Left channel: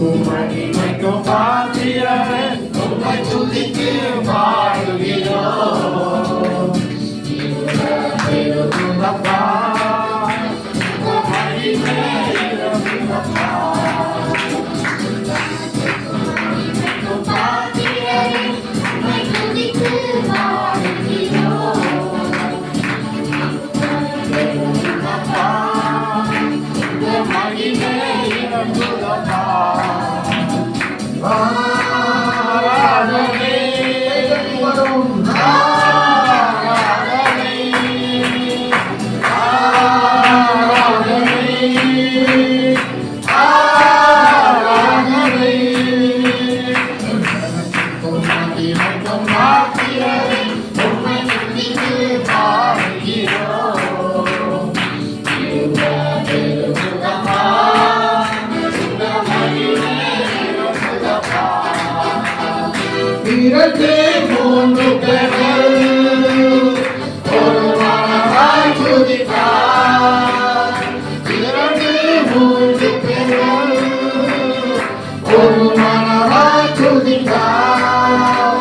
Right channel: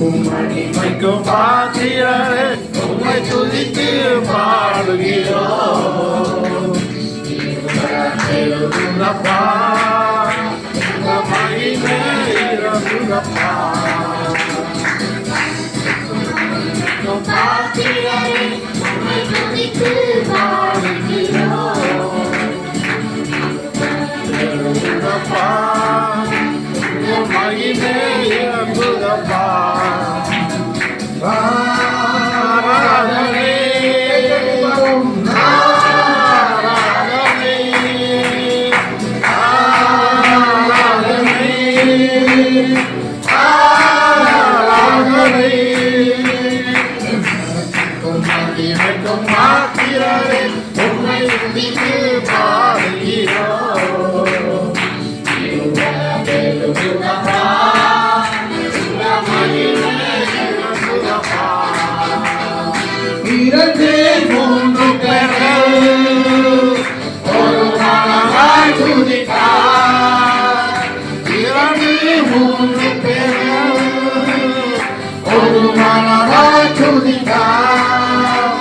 மகிமைக்கும் பாத்திரரே உம்மை துதித்து பாடுகிறோம். இருந்தப்பா மகிமை இருந்தப்பா பாத்திரரே உம்மை துதித்து பாடுகிறோம். இருந்தப்பா மகிமை இருந்தப்பா ஆராதனை ஆராதனை ஆராதனை ஆராதனை மகிமைக்கும் பாத்திரரே உம்மை துதித்து பாடுகிறோம். இரண்டு மூன்று பேர்கள் ஒரு மனதாய் துதித்தார். இரண்டு மூன்று பேர்கள் ஒரு மனதாய் துதித்தார்.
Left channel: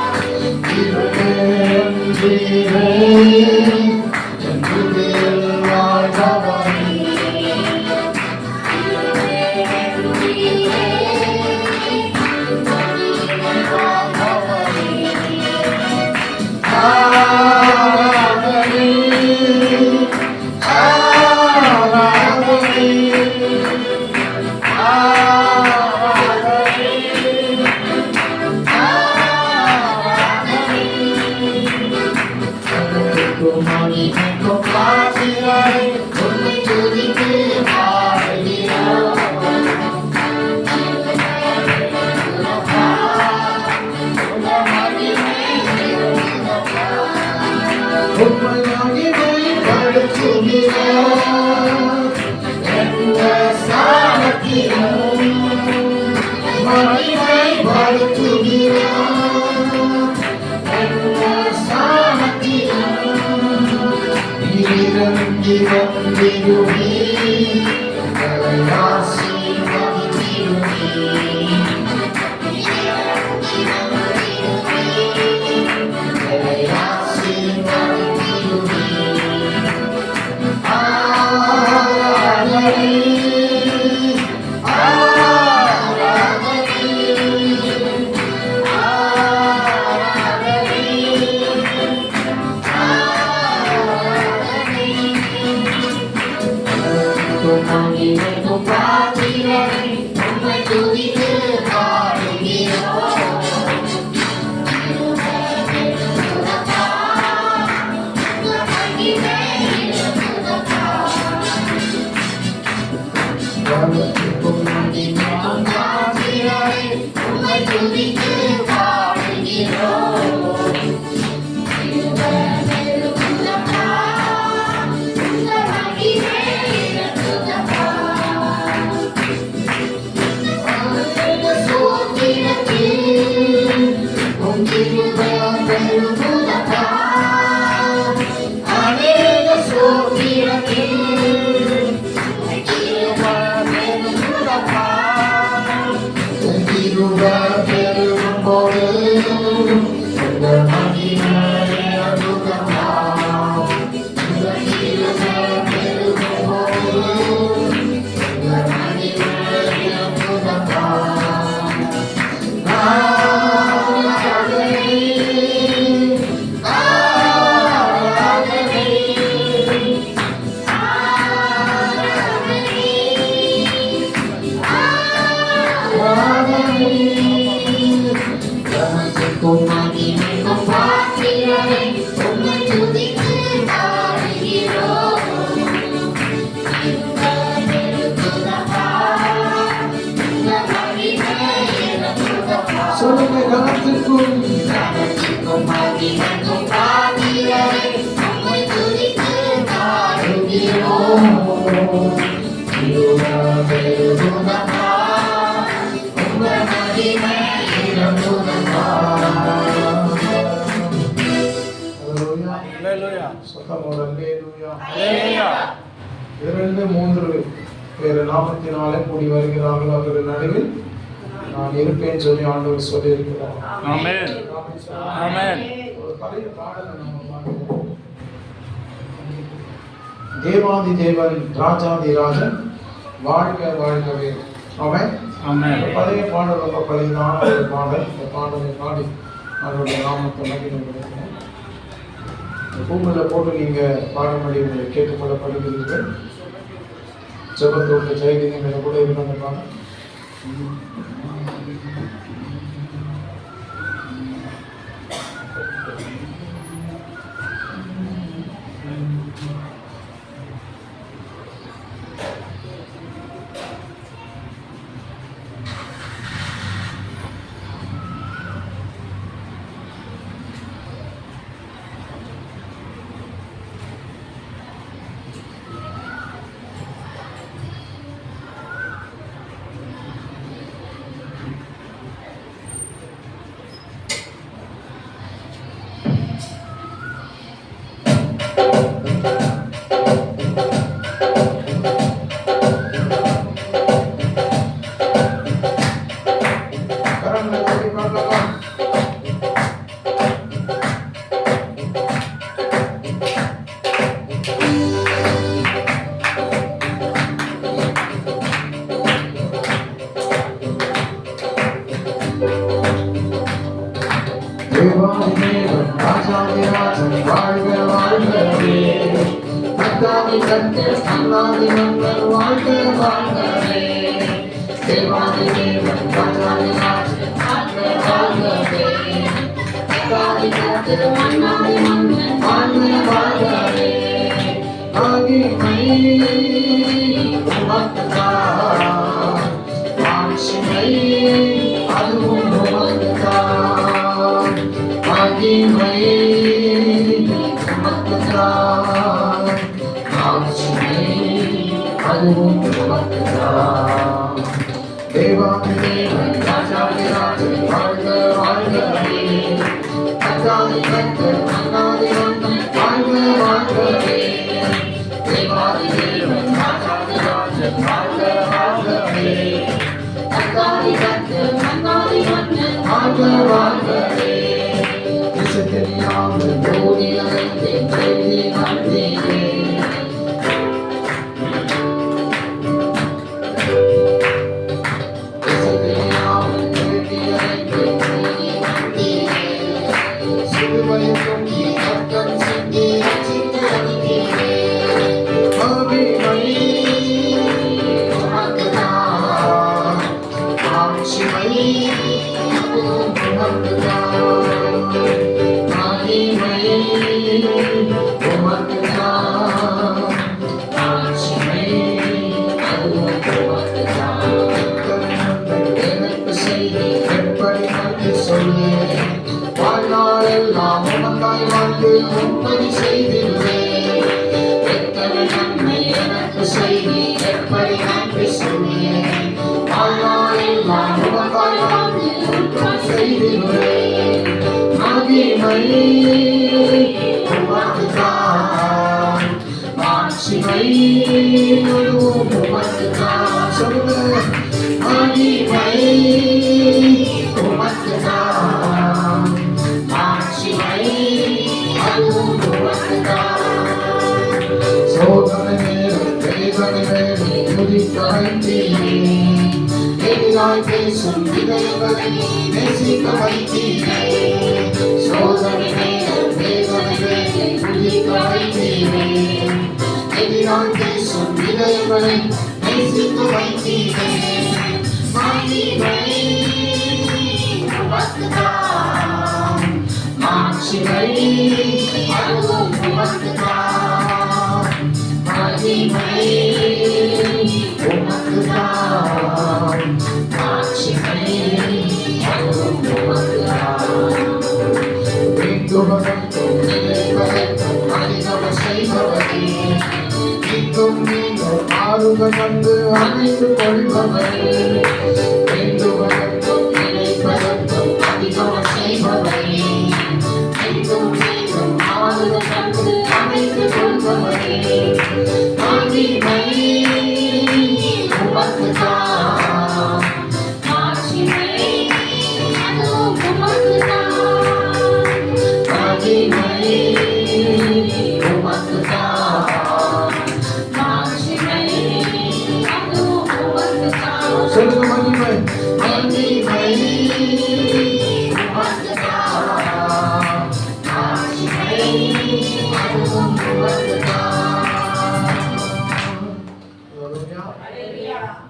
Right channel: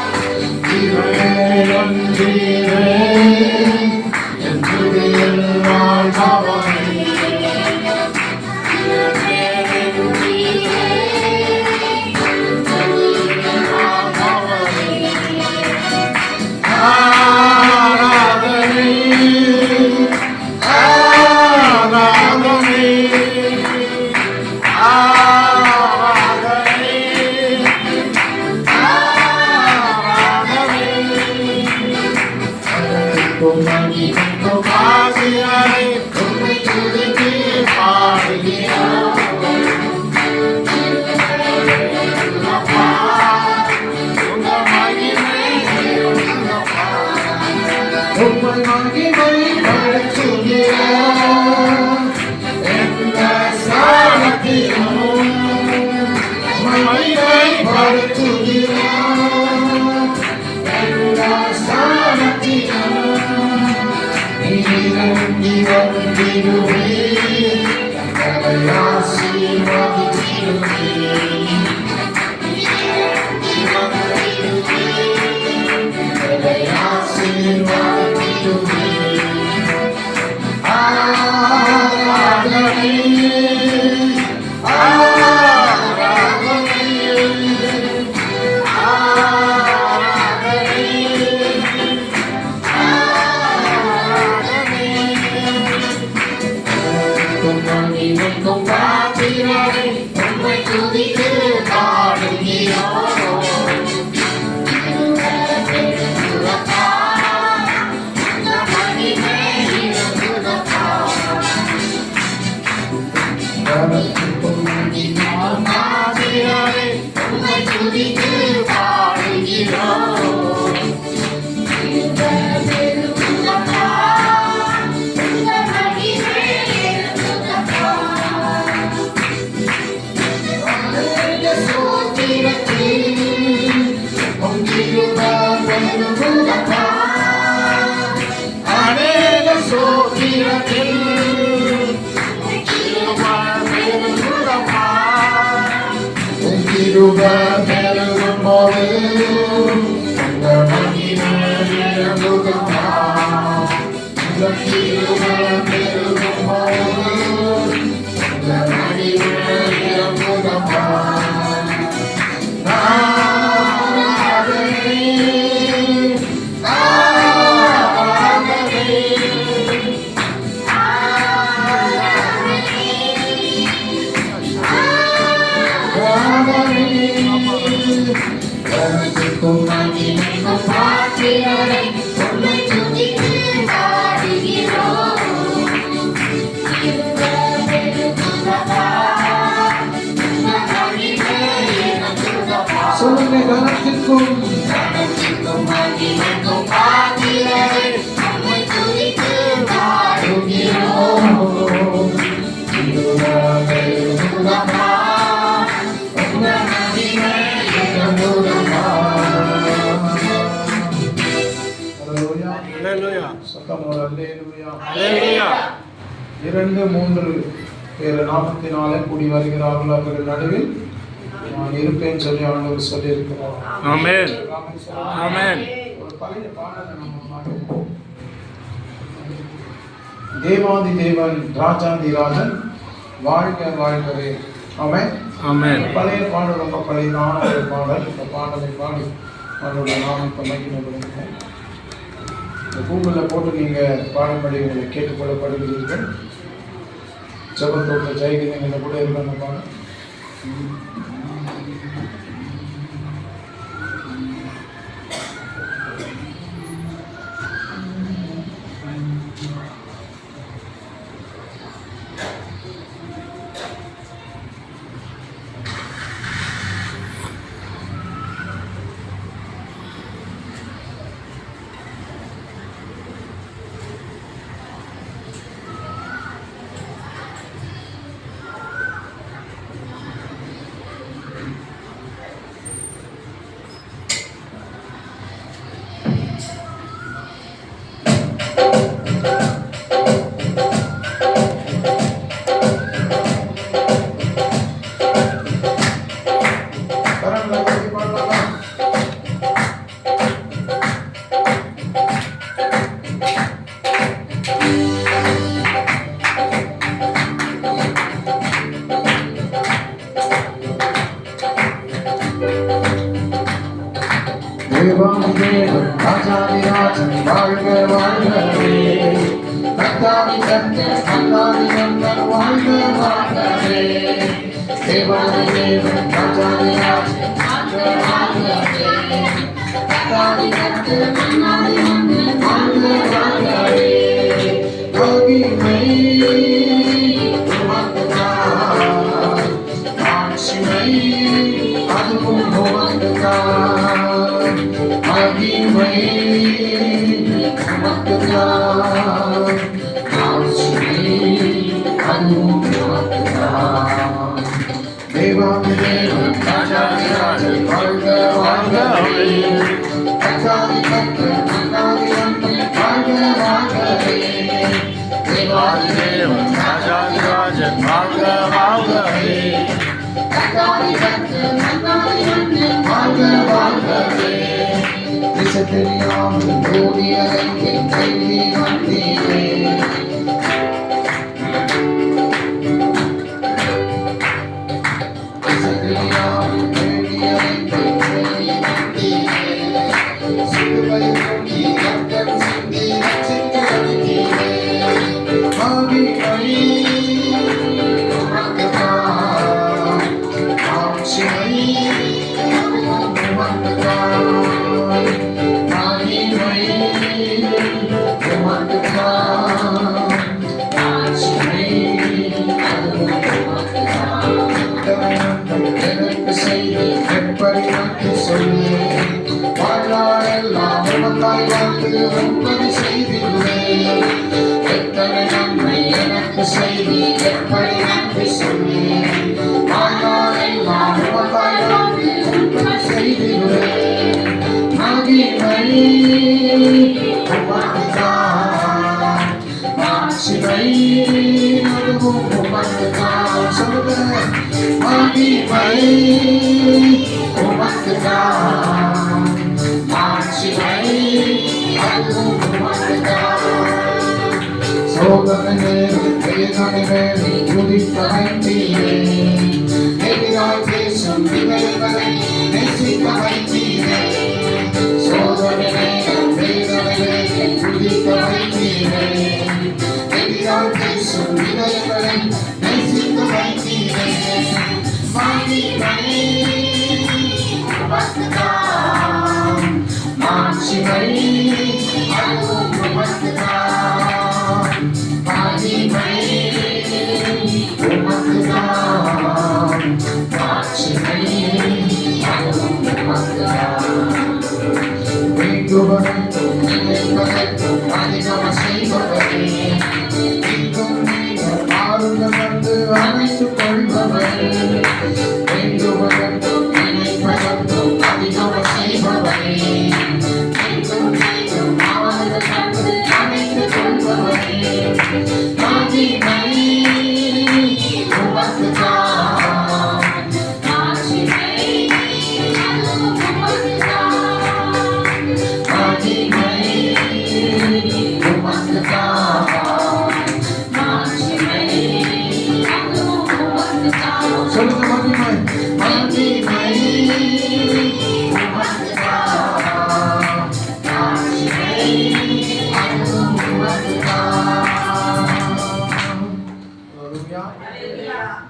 இறைவன்றீரே என் துதியில் வாழ்பவரே. ஆராதனை ஆராதனை ஆராதனை ஆராதனை மகிமைக்கும் பாத்திரரே உம்மை துதித்து பாடுகிறோம். உம்மை மகிமைப்படுத்துகிறோம். எந்த ஸ்தானத்திலும் மகிமைப்படுத்துகிறோம். எந்த ஸ்தானத்திலும் இறங்கி வந்திடுவே எங்களை ஆசீர்வதித்திடுவே. எங்களை ஆசீர்வதித்திடுவே. ஆராதனை ஆராதனை ஆராதனை ஆராதனை மகிமைக்கும் பாத்திரரே உம்மை துதித்து பாடுகிறோம். உம்மை துதித்து பாடுகிறோம். அநேக சோதிரத்தில் பெருகும் போது சொல்லுங்க கனத்திற்கும் மகிமைக்கும் பாத்திரரே உம்மை துதித்து பாடுகிறோம். இருவருடமா உங்கள் மகிமை இருவருடமா. அல்லேலூயா சத்தம் அல்லேலூயா அல்லேலூயா. 2-3 பேர் நாமத்தினாலே கூடி வருகிறார்கள். அவர்கள் நடுவில் நான் இருப்பேன்னு சொல்லி ஆண்டவர் சொல்லி இருக்கிறோம். ஆமென். ஆமென். ஒரு பழைய பாடலை நம்ம பாடுவோம். தேவாதி தேவன் ராஜாதி ராஜன் வாழ்க வாழ்கவே. ஆமென். ஆமென். பழைய பாடல் ரொம்ப பழையதான ஒரு பாடல். இந்த பாடலை பாடி அதோட நாமத்தை மகிமைப்படுத்துகிறேன். கூகுளில் போட்டு நீங்கள் பாடப்படி உங்களை கேட்டுக்கொள்ளப்படுகிறீர்கள். ஜபத்தோட்ட ஜெயகீதங்களை கூட இருக்கிற பாடம்.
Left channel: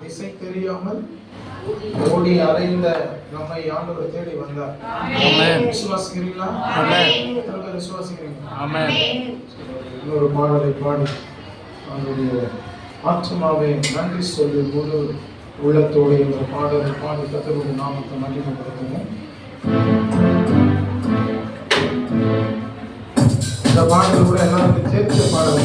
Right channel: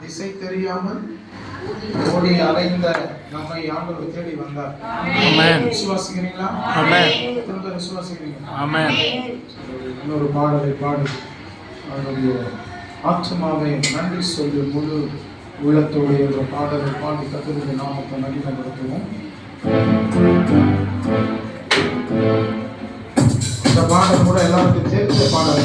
திசை தெரியாமல் ஓடி அலைந்த நம்மை ஆண்டவர் தேடி வந்தார். ஆமென். விசுவாசிக்கிறீங்களா? ஆமென். விசுவாசிக்கிறீங்க? ஆமென். இன்னொரு பாடலை பாடி அவருடைய ஆத்மாவை நன்றி சொல்லி முழு உள்ளத்தோடு என்ற பாடலை பாடி கர்த்தருடைய நாமத்தை மகிமைப்படுத்துவோம். இந்த பாடல் கூட எல்லாருக்கும் தெரிஞ்ச பாடல்.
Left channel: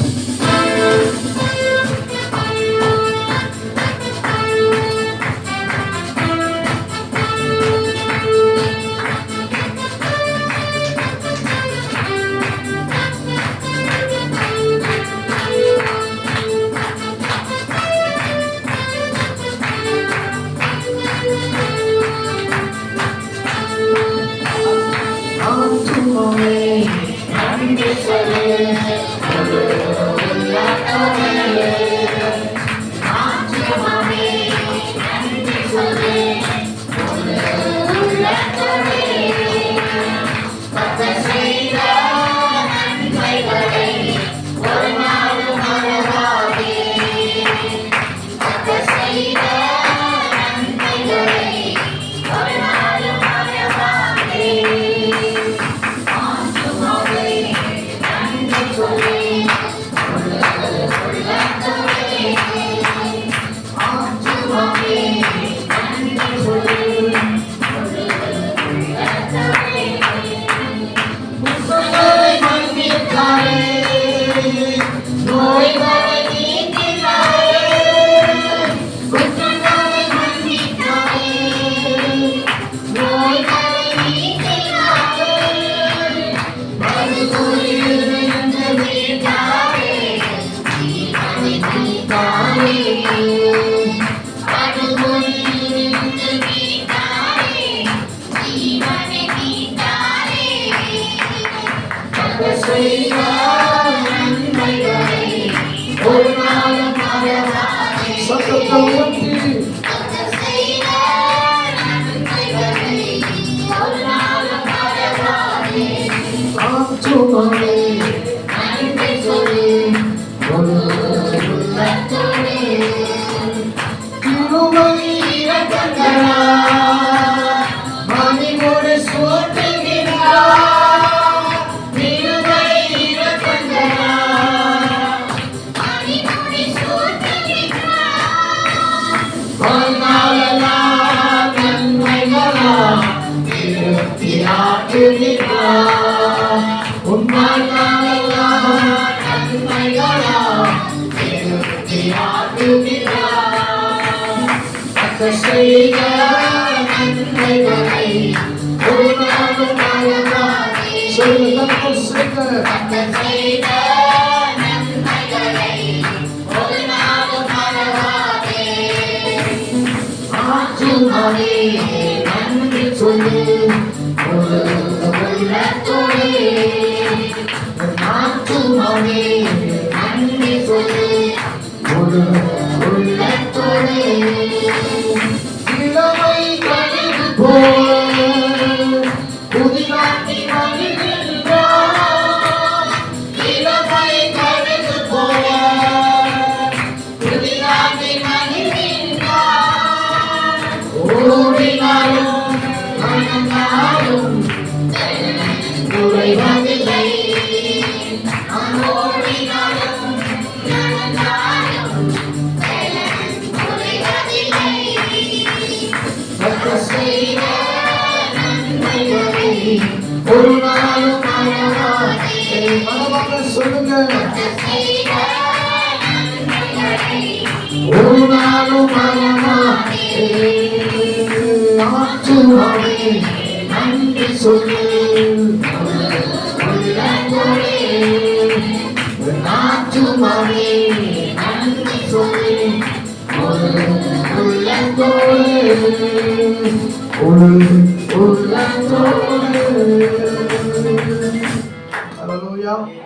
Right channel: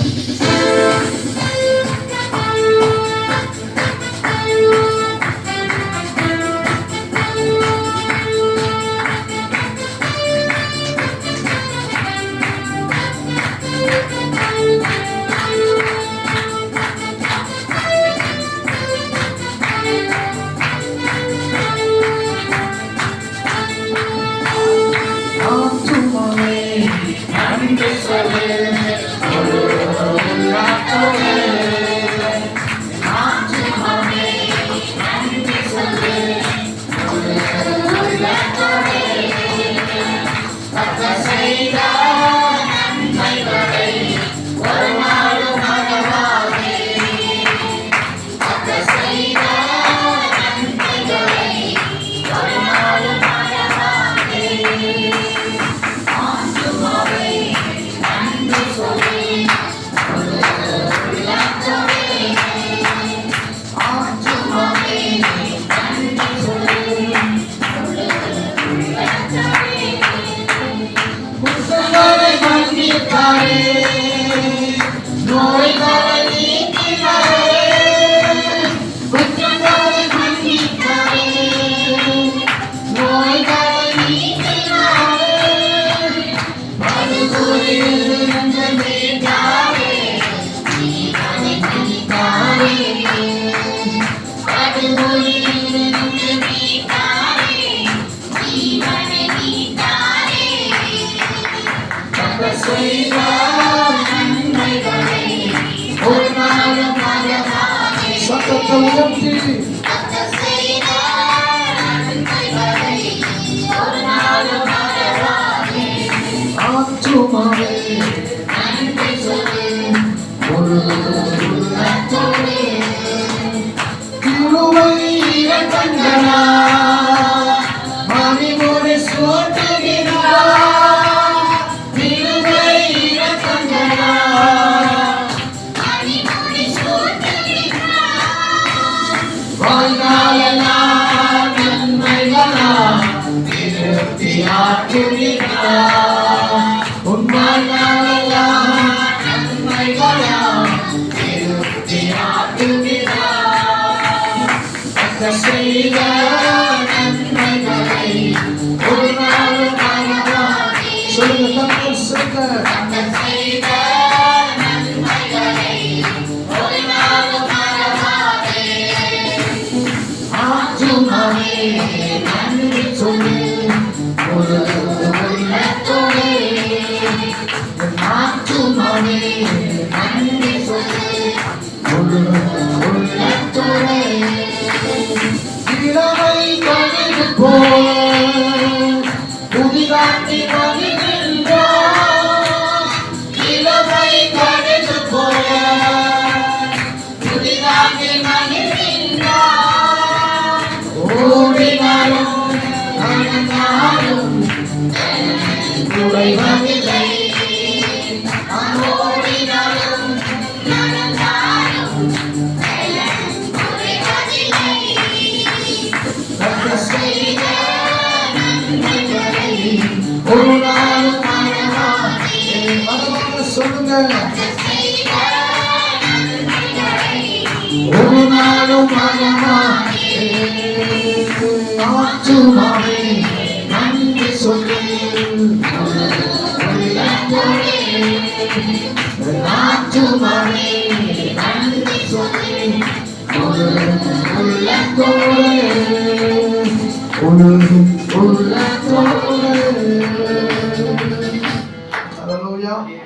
Hallelujah.